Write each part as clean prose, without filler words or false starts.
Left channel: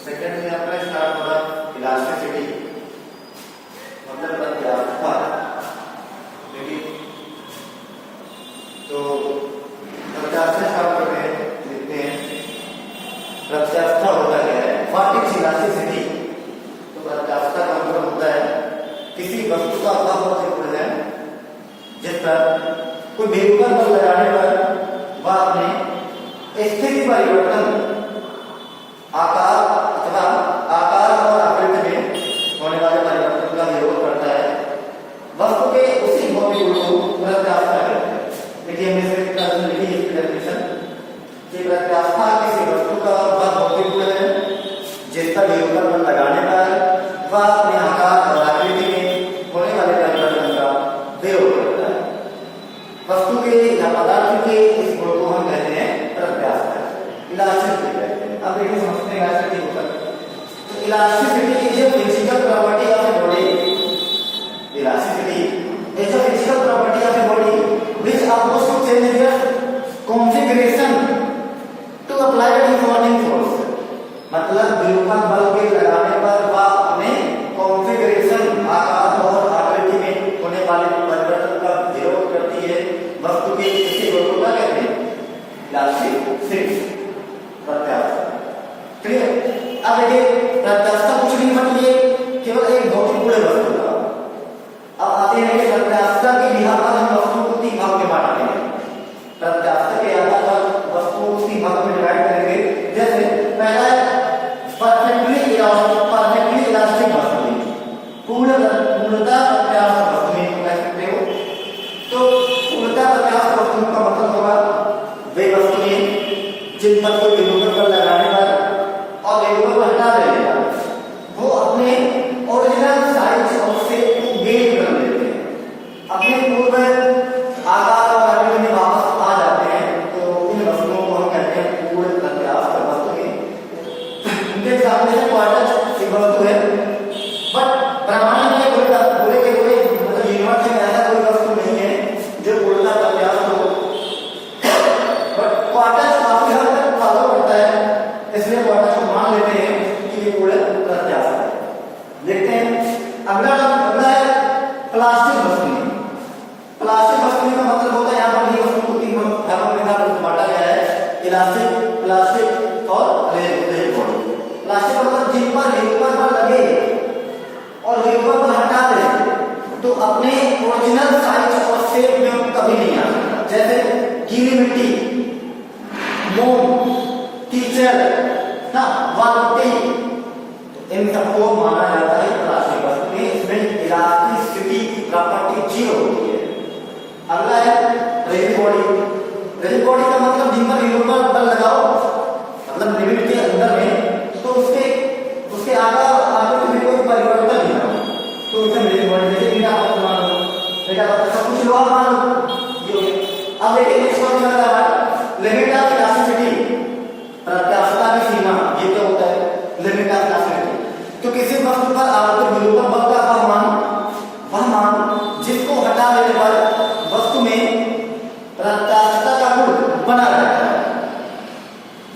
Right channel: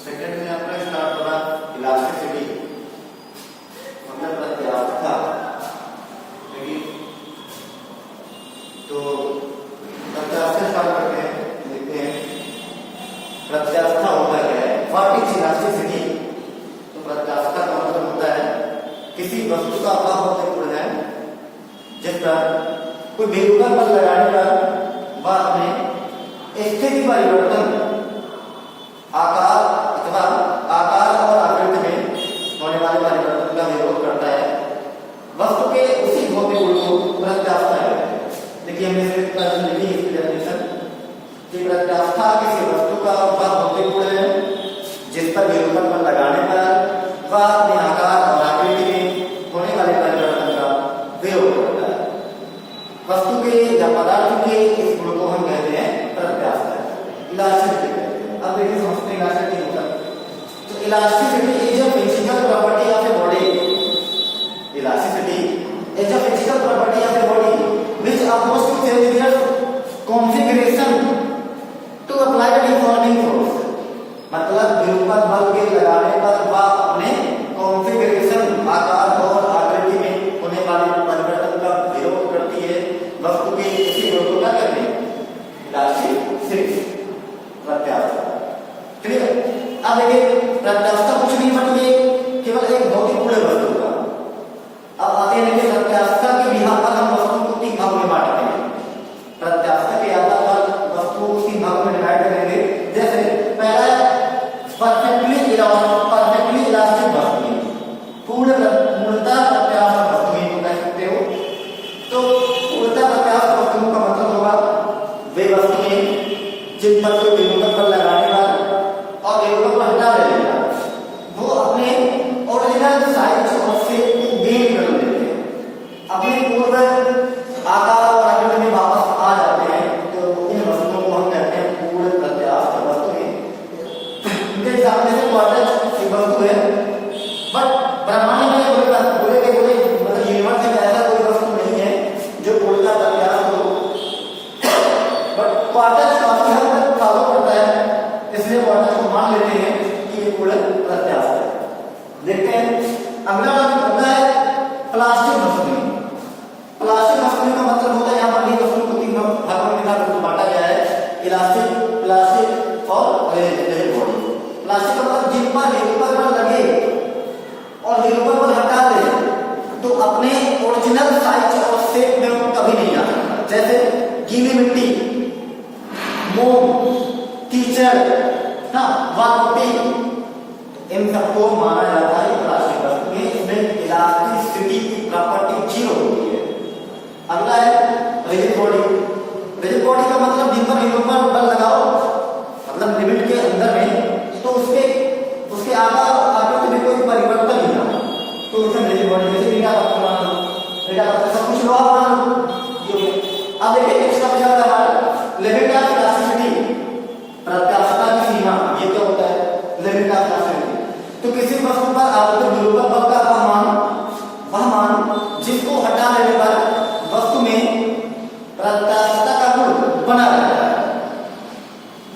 Second में अपना start होगा इलास्टिसिटी, मतलब प्रत्यास्थता। तो प्रत्यास्थता स्टार्ट करते हैं, लिखते हैं प्रत्यास्थता होता क्या है, व्हाट इज इलास्टिसिटी। तो प्रत्यास्थता का मतलब होता है किसी वस्तु का वह होता है जिस पर कोई बेरुखा बल लगाने पर वह अपने स्थिति परिवर्तन आकार अथवा आकार और आकृति में होने वाले परिवर्तन का विरोध करता है। वस्तु के उसी भौतिक गुण को प्रत्यास्थता कहते हैं। देखिए हमने इसकी डेफिनेशन कि प्रत्यास्थता किसी वस्तु का वह भौतिक गुण है जिस पर विरूपण बल लगाने पर वह अपने आकार और आकृति में होने वाले परिवर्तन का विरोध करता है। वस्तु के या पदार्थ के इस गुण को हम कहते हैं प्रत्यास्थता, इलास्टिसिटी कहते हैं। अब देखिए समझते हैं इलास्टिसिटी होता है। तो elasticity is a physical property of a body. Elasticity is a physical property of a body which allows to change its configuration to apply the deforming force. मतलब विरूपण बल के लगाने पर वह अपने कॉन्फिगरेशन आकार और आकृति में होने वाले परिवर्तन का विरोध करती है। वस्तु के इसी गुण को क्या कहते हैं, इलास्टिसिटी, प्रत्यास्थता। क्लियर। अब देखिए प्रत्यास्थता कुछ नहीं मतलब केवल एक भौतिक गुण है वस्तु का। अब आते हैं कि प्रत्यास्थता के बिहार पर हम वस्तु को तीन भागों में बांटते हैं। प्रत्यास्थता के आधार पर वस्तु को तीन भागों में डिवाइड करेंगे। जैसे पहला परफेक्टली इलास्टिक वस्तु, पूर्णतः प्रत्यास्थ वस्तु को कह सकते हो। तो पूर्णतः प्रत्यास्थ वस्तुओं का मतलब होगा वे वस्तुएं जिन पर कोई विरूपण बल लगाने पर और विरूपण को हटा देगा वो अपने ओरिजिनल साइज और शेप को गेन कर लेते हैं, अपने पूर्व आकार और आकृति में वापस आ जाते हैं। तो इन वस्तुओं को हम कहते हैं पूर्ण प्रत्यास्थ वस्तुएं। इनके सामने से क्वार्टज वस्तु है, बट ब्रह्मांड में कोई पूरे के पूरे मतलब यूनिवर्स में ऐसा कोई वस्तु नहीं है जो पूर्णतः प्रत्यास्थ हो। बट क्वार्टज काफी हद तक फॉलो करता है, इसलिए क्वार्टज को मान लेते हैं कि ये पूर्ण प्रत्यास्थ है। देखते हैं अगला है प्लास्टिक वस्तुएं। प्लास्टिक वस्तुएं का मतलब होता है यहाँ पर वस्तु को तीन भागों में बांटा गया है, इलास्टिक, प्लास्टिक और रिजिड बॉडी। प्लास्टिक का मतलब जिन पर विरूपण बल लगे और विरूपण बल हटा दे तो अपने ओरिजिनल साइज और शेप में कभी नहीं आता। जैसे गीली मिट्टी, मोम, कीचड़, वालुटी, इन सबको माना जाता है प्लास्टिक वस्तुएं। इसमें इलास्टिसिटी की प्रॉपर्टी जीरो होती है। अगला है रिजिड बॉडी। रिजिड बॉडी का मतलब जिन पर विरूपण बल लगाओ मतलब लिमिट के अंदर में तो उसके आकार और आकृति में कोई परिवर्तन नहीं होगा, तो इसे रिजिड बॉडी। जैसे ईटा पत्थर मान लो, ईटा पत्थर सब कुछ लोहा मान लो। अब देखिए इसका क्या है, लिमिट ऑफ इलास्टिसिटी, प्रत्यास्थता की सीमा। ये क्या होता है, लिमिट ऑफ इलास्टिसिटी। तो किसी वस्तु पर आवर्त विरूपण बल का वह मान जिसको हटा देने पर वस्तु में प्रत्यास्थता का गुण बना रहता है।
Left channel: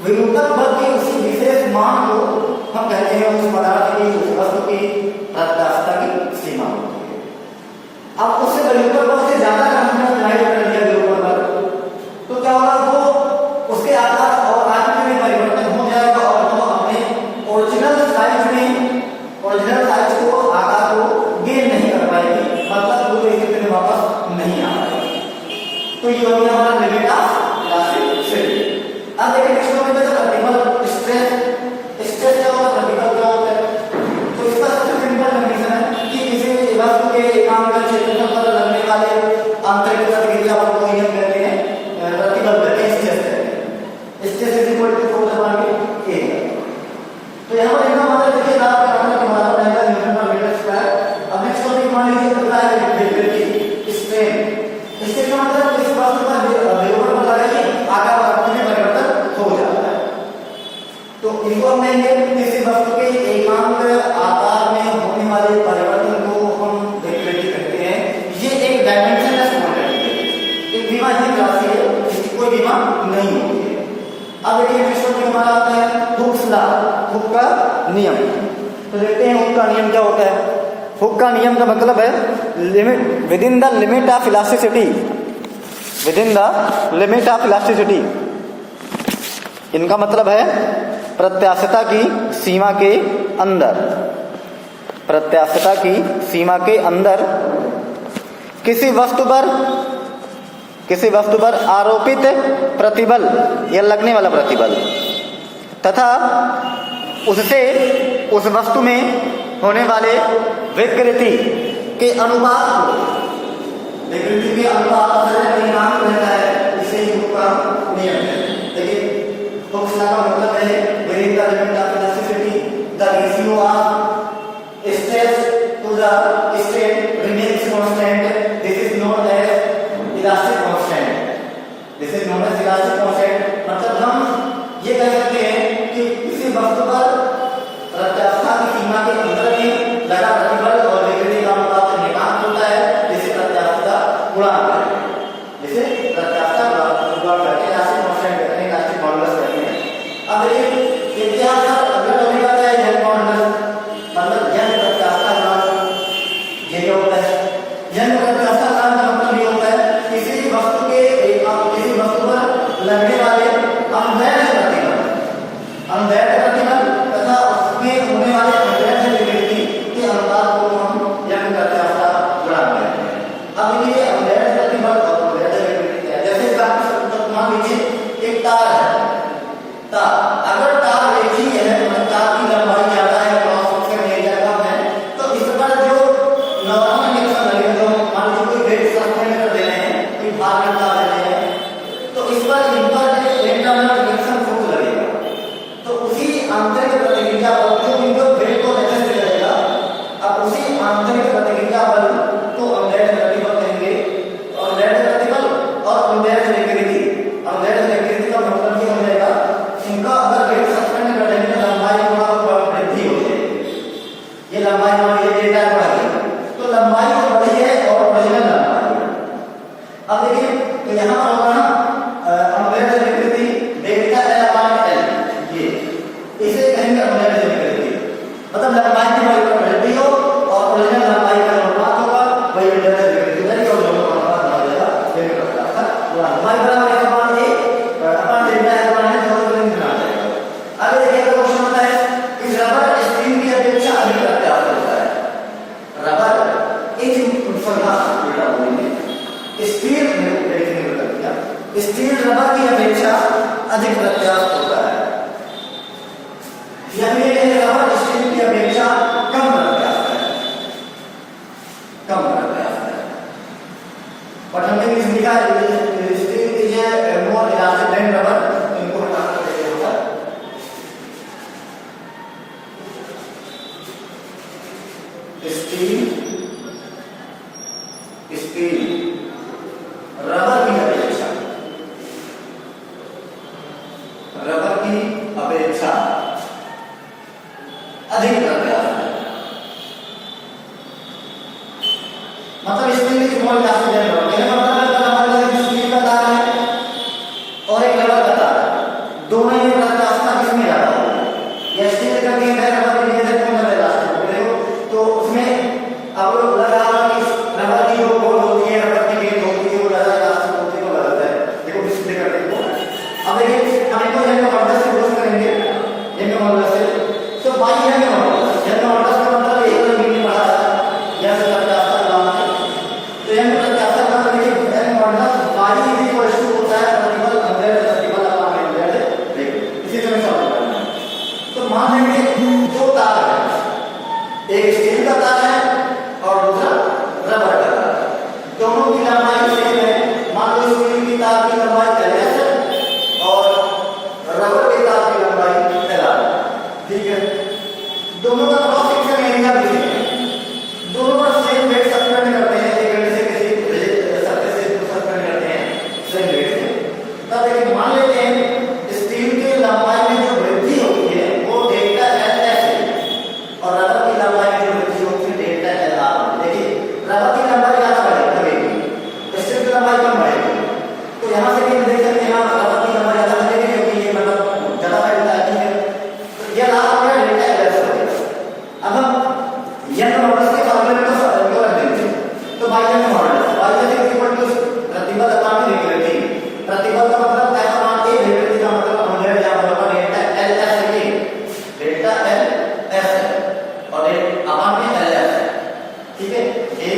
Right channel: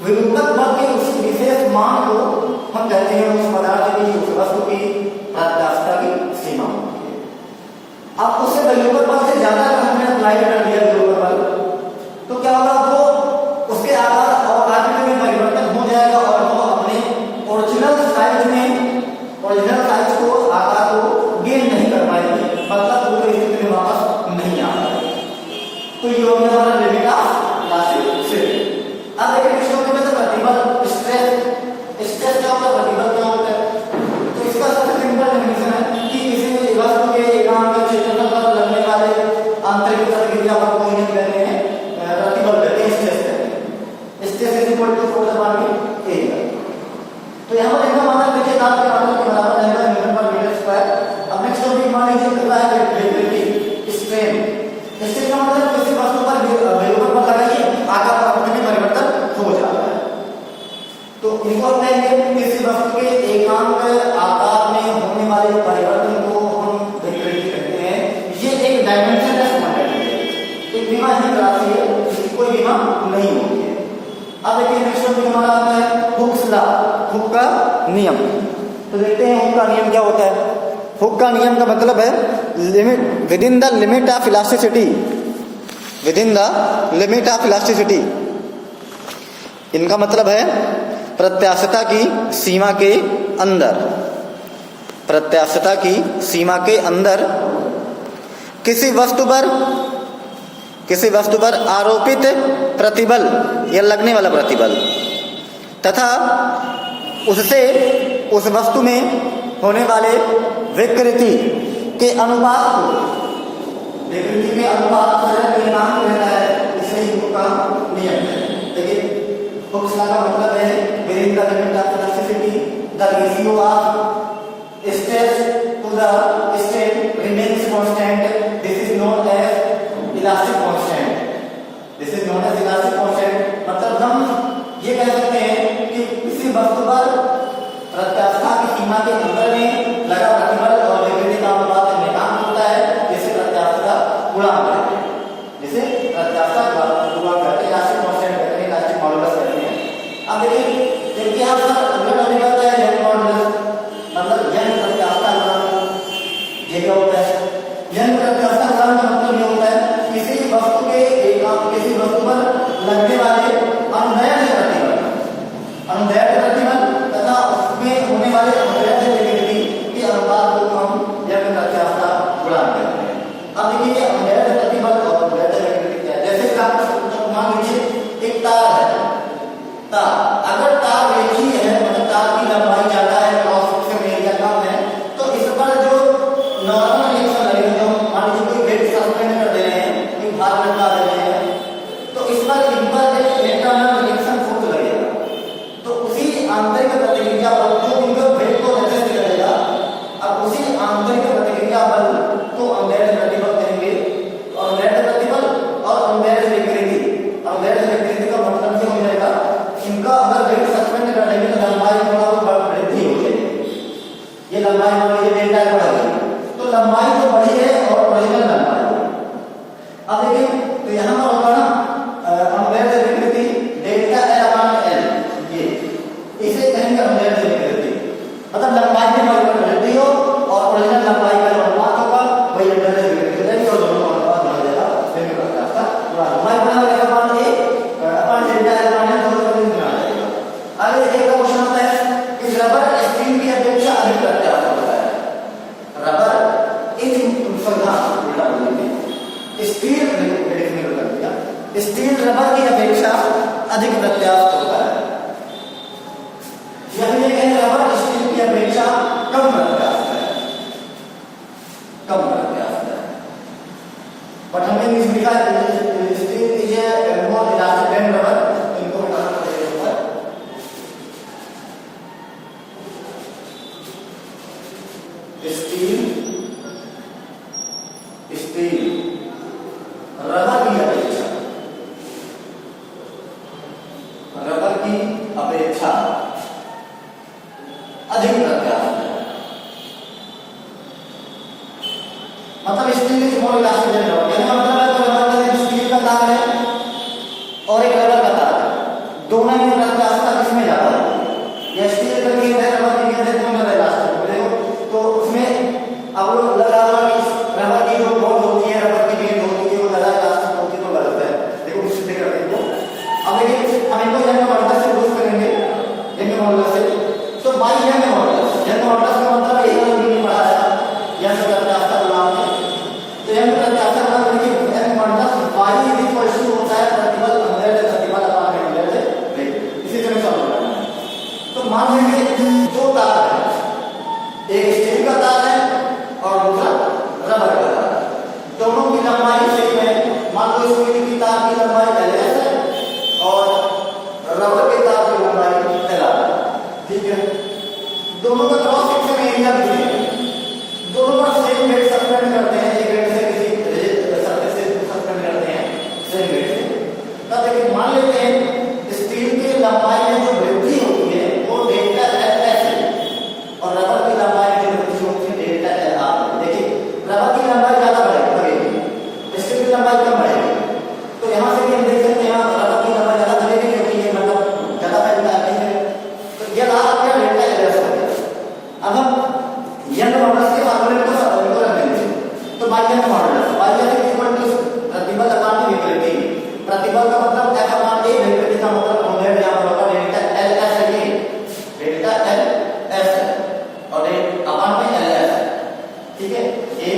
विरूपण बल के उसी विशेष मान को हम कहते हैं उस पदार्थ की, उस वस्तु की प्रत्यास्थता की सीमा होती है। अब उससे विरूपण बल से ज्यादा हमने अप्लाई कर दिया विरूपण बल, तो क्या होगा, वो उसके आकार और आकृति में परिवर्तन हो जाएगा और वो अपने ओरिजिनल साइज को, आकार को गेन नहीं कर पाएगी, मतलब वो स्थिति में वापस नहीं आ पाएगी। तो ये हो गया हमारा लिमिट ऑफ इलास्टिसिटी। अब देखिए नेक्स्ट टॉपिक में प्रतिबल, स्ट्रेस क्या होता है, प्रतिबल क्या होता है। तो इसका सबसे सिंपल डेफिनेशन है कि किसी वस्तु के एकांक क्षेत्रफल पर लगने वाले आंतरिक प्रतिक्रिया पर कोई हम कहते हैं प्रतिबल कहते हैं, स्ट्रेस कहते हैं। Stress is equal to force upon A. तो यहाँ पर देखना मतलब देखिए आपके बराबर एंगल हुक का नियम। तो देखते हैं हुक का नियम क्या होता है। हुक का नियम का मतलब है limit, with in the limit of elasticity, with in the limit of elasticity. इनका मतलब है प्रत्यास्थता की सीमा के अंदर, प्रत्यास्थता की सीमा के अंदर किसी वस्तु पर आरोपित प्रतिबल या लगने वाला प्रतिबल तथा उससे उस वस्तु में होने वाले विकृति के अनुपात को, विकृति के अनुपात से नाम रहता है, इसे हुक का नियम है। देखिए हुक का मतलब है within the limit of elasticity the ratio of stress to the strain remains constant, this is known as elastic constant, this is known as elastic constant. मतलब हम ये कह सकते हैं कि किसी वस्तु पर प्रत्यास्थता की सीमा के अंदर में लगा प्रतिबल और विकृति का अनुपात नियतांक होता है, जिसे प्रत्यास्थता गुणांक कहते हैं, जिसे प्रत्यास्थता गुणांक कहते हैं, इलास्टिक कांस्टेंट कहते हैं, इलास्टिक मॉडुलस कहते हैं। अब देखिए इनके आंसर अलग होने जाता है यंग मॉडुलस, मतलब यंग प्रत्यास्थता गुणांक। ये क्या होता है? यंग प्रत्यास्थता गुणांक का मतलब ये होता है किसी वस्तु के किसी वस्तु पर लगने वाले अनवैध प्रतिबल, अनवैध प्रतिबल तथा उसमें होने वाले अनवैध विकृति के अनुपात को हम यंग प्रत्यास्थता गुणांक कहते हैं। अब देखिए अनवैध प्रतिबल और अनवैध विकृति क्या है। जैसे मान लीजिए एक तार है, तार अगर तार रेखीय है, मतलब तार की लंबाई ज्यादा है, क्रॉस सेक्शन एरिया कम है, तो इस पर जो नॉर्मल रिएक्शन लगेगा, तो मान लीजिए कोई वेट सस्पेंड कर दे रहे हैं, कोई भार लटका दे रहे हैं, तो इस पर इन पर इलेक्ट्रॉन रिएक्शन फोर्स लगेगा। तो उसी आंतरिक प्रतिक्रिया बल जो इनको वेट को रेजिस्ट करेगा, अब उसी आंतरिक प्रतिक्रिया बल को अनवैध प्रतिबल कहेंगे। अनवैध प्रतिबल और अनवैध विकृति, अनवैध विकृति का मतलब ये हो जाएगा इनका अगर वेट सस्पेंड कर देंगे तो लंबाई थोड़ा वृद्धि हो जाएगी। ये लंबाई मान लीजिए डेल्टा बढ़ गई, तो लंबाई तो बढ़ी है और ओरिजिनल लंबाई। अब देखिए तो यहाँ पर होगा ना अनवैध विकृति डेल्टा एल अपॉन एल, ये इसे कहेंगे अनवैध विकृति, मतलब लंबाई में वृद्धि हो और ओरिजिनल लंबाई का अनुपात होगा, वही अनवैध विकृति है। और दोनों का अनुपात बदल जाएगा, लेकिन प्रत्यास्थता लंबाई बराबर है upon A upon delta L upon L, दोनों दिन में आ जाएगा। आगे देखिएगा क्वेश्चन होता है कि रबर स्टील की अपेक्षा अधिक प्रत्यास्थ होता है। रबर स्टील रबर की अपेक्षा अधिक प्रत्यास्थ होता है, यानी रबर स्टील की अपेक्षा कम प्रत्यास्थ है, कम प्रत्यास्थ है। बट हमने लिखा steel is a more elastic than rubber, इनको हटाना पड़ेगा। स्टील रबर की अपेक्षा, रबर की अपेक्षा अधिक प्रत्यास्थ है। मतलब स्टील की मोर इलास्टिक देन रबर, मेरा मतलब है रबर का स्टील का तार है और एक रबर का तार है, दोनों में प्रत्यास्थता किसमें ज्यादा होगी? या स्टील का की है रबर की है तो मेरा इलास्टिक देखो, तो उसमें अब लोग लगा कि रबर की जो बोल होती है, रबर की बेल होती है, वो ज्यादा इलास्टिक होती है, तो गलत है। देखो किससे कर देखो, अब देखिए हम इनको यंग मॉडुलस से यूज करेंगे, यंग मॉडुलस से। तो by young modulus, young modulus का मतलब एक अलग मीनिंग बढ़ाया यंग प्रत्यास्थता गुणांक है। तो यंग प्रत्यास्थता गुणांक में Young modulus by is equal to होता है प्रतिबल अनवैध प्रतिबल अपॉन अनवैध विकृति, इसी तरह सॉल्व करना है। तो मान लेंगे दो तार है, एक स्टील का तार है और दूसरा रबर का तार है, दोनों की लंबाई सेम है। मान लो स्टील की तार की लंबाई एल है और रबर के तार की लंबाई एल है, ठीक है। दोनों का क्रॉस सेक्शन एरिया भी है, दोनों पर सेम वेट सस्पेंड करते हैं, एक वेट से किसी सरफेस से सस्पेंड करते हैं सेम वेट से। तब देखिए मान लेते हैं स्टील की लंबाई में जो वृद्धि होती है वो डेल्टा एल है और रबर की लंबाई जो वृद्धि होती है डेल्टा एल आर। देखिए रबर की लंबाई ज्यादा बढ़ेगी, स्टील की लंबाई कम बढ़ेगी, तो यहाँ से भी हम देख सकते हैं यहाँ रबर की लंबाई ज्यादा बढ़ेगी क्योंकि ये मतलब ज्यादा फैलता है, ठीक है। तो ये लाभ YF modulus, YF is equal to प्रतिबल अपॉन विकृति। प्रतिबल का मतलब F अपॉन A, विकृति का मतलब हमने यहां पर होगा डेल्टा LS है, डेल्टा LS है और अपॉन में LS है, ठीक है। A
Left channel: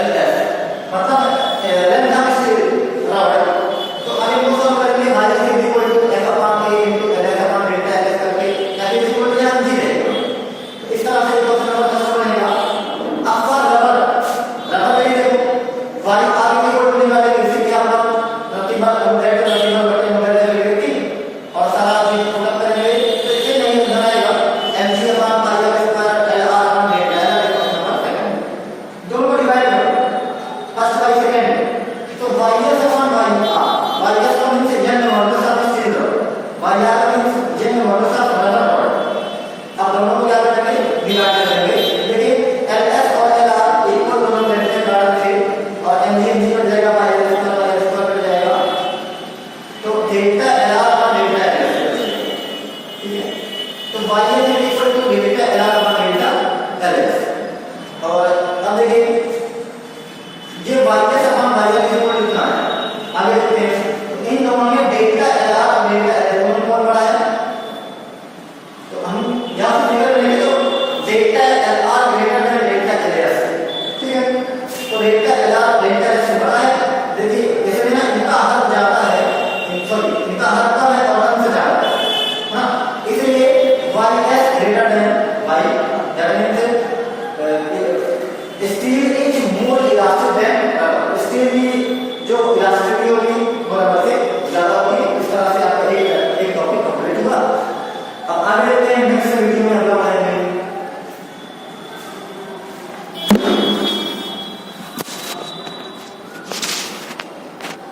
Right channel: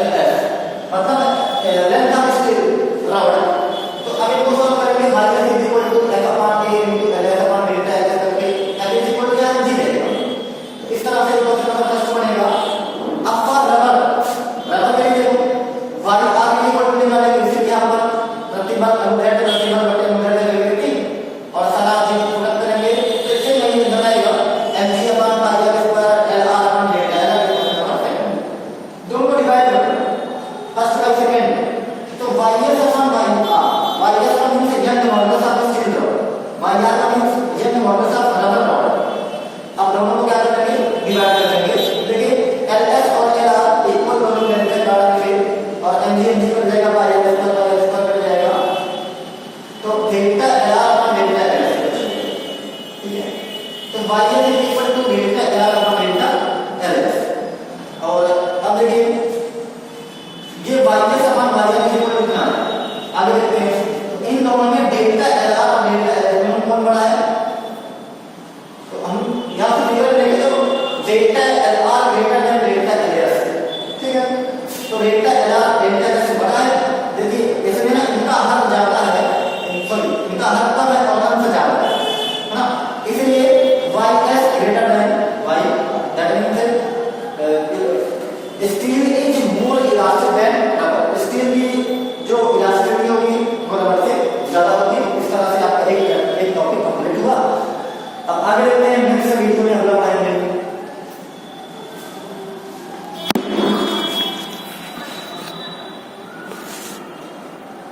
LS मतलब लेंथ ऑफ स्टील रॉड। तो अभी क्वेश्चन करेंगे YF is equal to F upon A into LS upon delta LS करके F इज इक्वल टू क्या समझ गए। तो इस तरह से क्वेश्चन नंबर फर्स्ट बनेगा। अब फॉर रबर में देखो y r इक्वल टू निकाले, जैसे कि हम लोग प्रतिबल अनुदैर्ध्य प्रतिबल बटे अनुदैर्ध्य विकृति और सारा चीज प्रोडक्ट करेंगे तो इससे नहीं बनाएगा mg upon pi r square l r upon delta l question number second. दोनों डिवाइड करो फर्स्ट बाय सेकंड। तो ys upon y r, ys का means n modulus of steel rod, y r का means n modulus of rubber rod. अब दोनों को क्या करेंगे, डिवाइड करेंगे। देखिए ls और lr इक्वल दोनों लेते हैं कारण से और mg कट जाएगा, pi r स्क्वायर कट जाएगा, तो delta lr upon delta ls, ठीक है। तो ys is equal to delta lr upon delta ls। और अब देखिए ये ys upon ys is equal कितना है, आगे देखते हैं। तो इन दोनों में डेल्टा lr और डेल्टा ls दोनों कौन बड़ा है, तो हम यहां से फिगर लेंगे तो delta lr greater than delta ls, ठीक है। तो डेल्टा lr डेल्टा ls से बड़ा है। देखिए इसमें ना इनका हर जाता है, सॉरी इनका हर कम है और अंत जाता है ना, इसलिए ys greater than y, that means steel is more elastic than rubber. Steel की जो इलास्टिसिटी होगी वो रबर से